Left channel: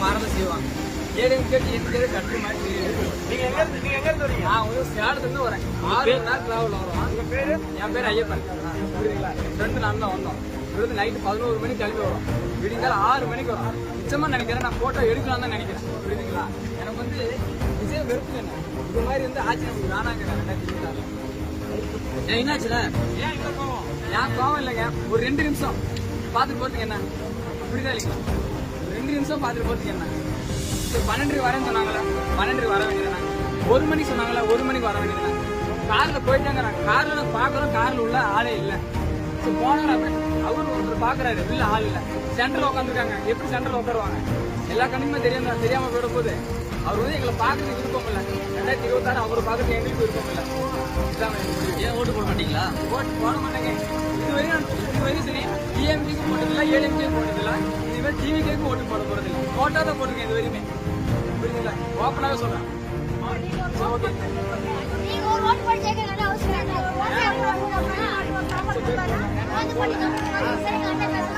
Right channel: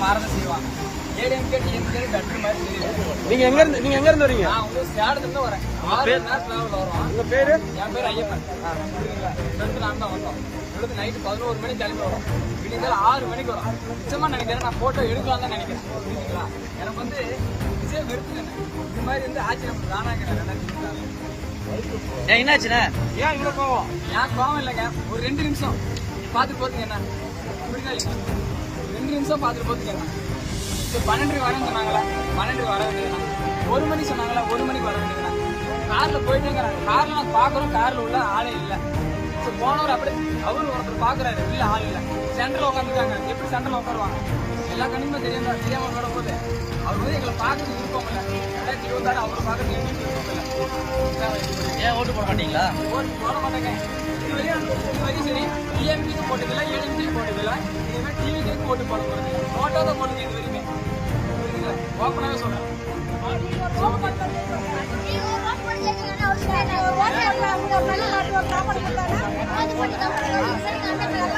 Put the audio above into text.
கண்டிப்பா மாறதான் செய்வாங்க. ஏடிஎம்கே டிஎம்கே கட்டுற மாதிரி தெரியுது நீங்க எங்க இருந்து நீங்க எங்க இருந்து வரீங்க? நான் வந்து சேலத்துல இருந்து வரேன். ஆறு மணி நேரம் டிராவல் வரும் உங்க பேரு? என் பேர் ஐயப்பன். புரியுதுங்களா? ஃப்ரெண்டு நான் தான் வந்தோம். விழுந்து நைட்டு பதினோரு மணிக்கு கிளம்பி வரும். விடிந்தால் ஆறு மணிக்கு வரும். நிச்சயமா நினைக்கிறேன் நான் போட்டோ எடுக்கலாம் தான் நினைக்கிறேன். புரியுதுங்களா? எனக்கு வந்து விஜய் வெறுத்து இது மாதிரி வந்து ஆட்சி நமக்கு வேணாங்கிறாங்க அந்த திமுகல என்னாச்சுண்ணே? ஏன் இவ்வளவு கோவம்? ஏன் கோவம் இல்லைங்க? ஒரு ரெண்டு நிமிஷம். பார்த்துட்டு போறதுக்கு என்ன? புரியுதா இல்லைங்களா? ரெண்டு நிமிஷம் பார்த்துட்டு போறதுக்கு என்ன? சரி பன்னெண்டுக்கு வரேன்னு சொன்னாங்களா? பன்னெண்டுக்கு வர வேண்டியதானே ஒரு மணிக்கு சொன்னாங்களா? ஒரு மணிக்கு வர வேண்டியதானே கார்ல போயிட்டேங்கிறாங்க. கார்ல நாங்க பாக்குறோம் கார்ல உள்ள ஆளே இல்ல. சரி போனவர் அப்படி அவரு ஒருத்தர் பாக்குறாரு இல்ல ஆள் இல்ல. சென்டர்ல உட்காந்துருக்காங்க எப்படி சென்டர்ல உட்காருவாங்க எல்லா கண்ணுக்குமே தெரியும் தான் தெரியாம போயிடும் போது அவர் வந்து எங்களை பாக்குறதுக்கு விருப்பம் இல்ல. ரெண்டாயிரத்தி இருபத்தாறு அவர் பாக்குறதுக்கு எங்களுக்கு விருப்பம் இல்ல. ஏன் ஓட்டு போட மாட்டீங்களா? ஓட்டு போட மாட்டேங்க. இதுவரையும் இதுவரையும் சரி. டிஎம்டிக்கு போட்டதில்ல ஏடிஎம்டிக்கு போட்டதில்ல. இதுவே டிவிக்கேக்கும் ஓட்டு போட போறது. நோட்டா தான் போடுங்க இது வரையுமே புரியுதுங்களா? ஓப்பனாவே சொல்றேன். சரி, ஓகே. சரி.